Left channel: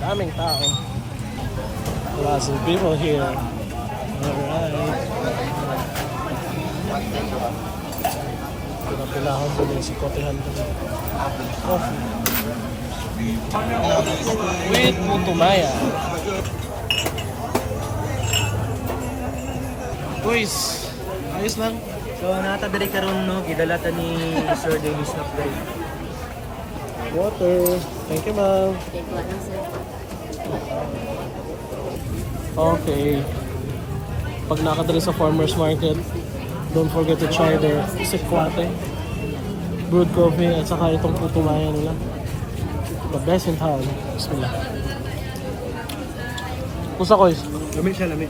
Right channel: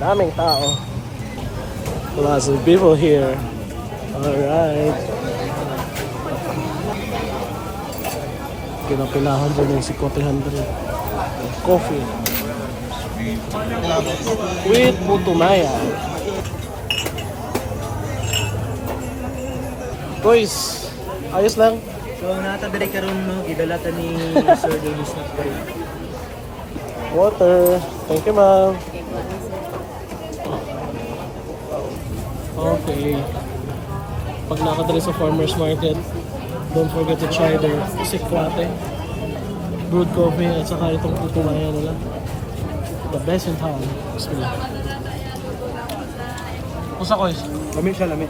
Daming tao. There are some people here. Alright. Pinapinahan ko na si Coffee Coffee. With Mutumaya. Boys, ayos lang. So nata diri karon no gidalata ni Sir Dennis na diri. Water. Thank you, ma'am. Okay. Pag nakadali sa farmer's market, don't forget to try their sikwate, brewed coffee, at saka itong putumaya nila. The best in town. Sila. Kusa ko eh. Lami siya lami.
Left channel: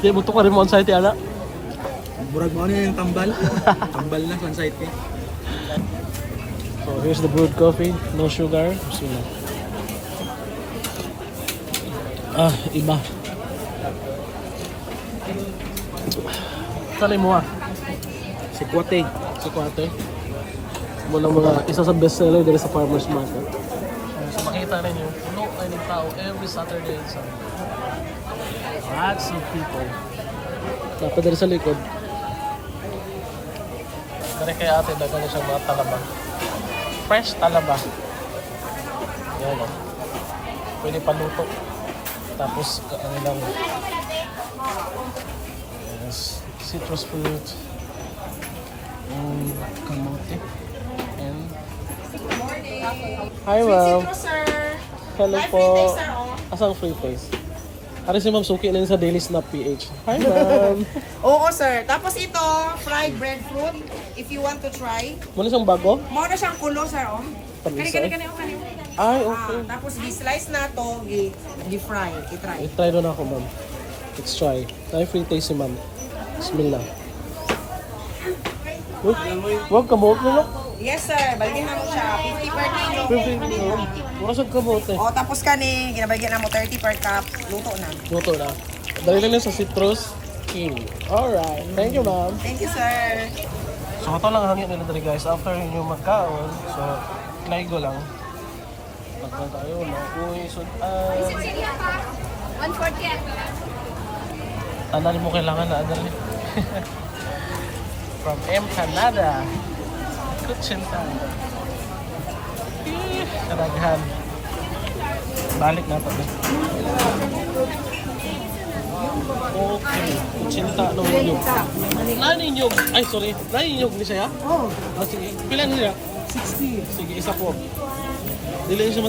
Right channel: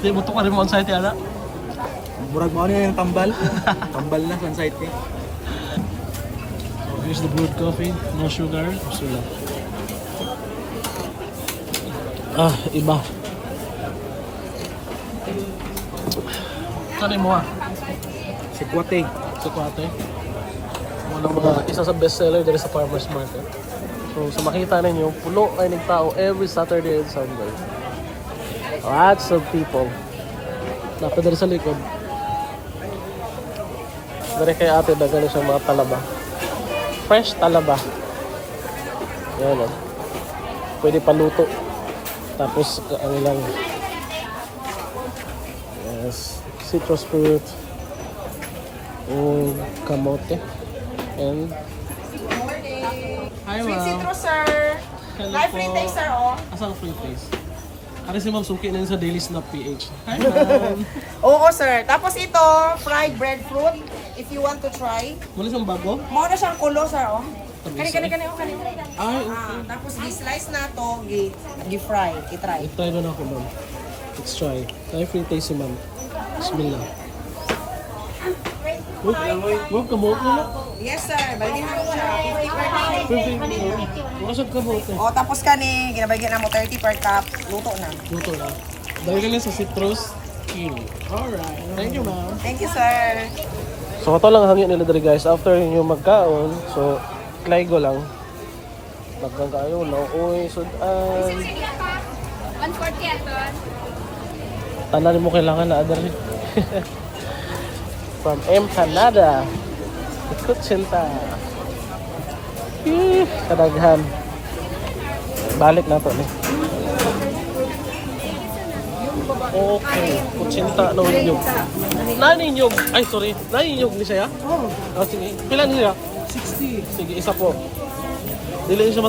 Di mo ito ka rin mo on site ala? Murag mo yung tambal. Tambal na on site eh. So here's the brewed coffee, no sugar. Sila. Ah, iba. Saan mo ah? Sikwate. Sikwate. Wala mo. Isa sa best seller dito sa farmer's market. So sa makita ninyo, puno ay ng tao every Saturday and Sunday. Lots of people. Dapat dito sa likod. Dari kay ate ba gano'n sa mga talaba. Fresh talaba. Ayan. Pwede paluto. Tapos ano lang. Yes, citrus fruits. Kamote. And hi, Sweet ma'am. citrus, sir. Hello Live po. free taste, sir, oh. Asan free taste? Ano si Ma'am Suki na sa Daily Snap PH. Hi, ma'am. Oo, sir. Tapos ito, fried breadfruit. If you want to try. Muna siyang bago? Mao na siyang kulo, sir, oh. Tamis, Kani, oh, kani. Ay, okay. Tapos gi-slice na to, gi-fry, i-try. I-try na ako, ma'am. Let's try. Try free taste si ma'am. Bismillah. Huwag kamote nila. Yes, sir. Baligyan mo siya. 50 per kilo. 50. Mura siyang kamote. O, tapos kani, ginabaligyan na mo 30 per cup. Luto na. Luto na. Dahil lang sa citrus. Alright. Thank you, ma'am. Thank you, sir. So, ito lang hangin nila dali guys. After yung magkaon, so, klay ko lang. Nagpagkayo mo, uy, sudan. 140 ito. Tanan mo kailangan na adal. From M. Canada. Kutsinta. Kadaghan. Balik na ito. Okay. Kutsinta na unyog. Naninyog. Ay, sorry. Naninyog ni siya? Oo. Oh. Sige. Pila niya? 60. Sige, isa po. Dili siya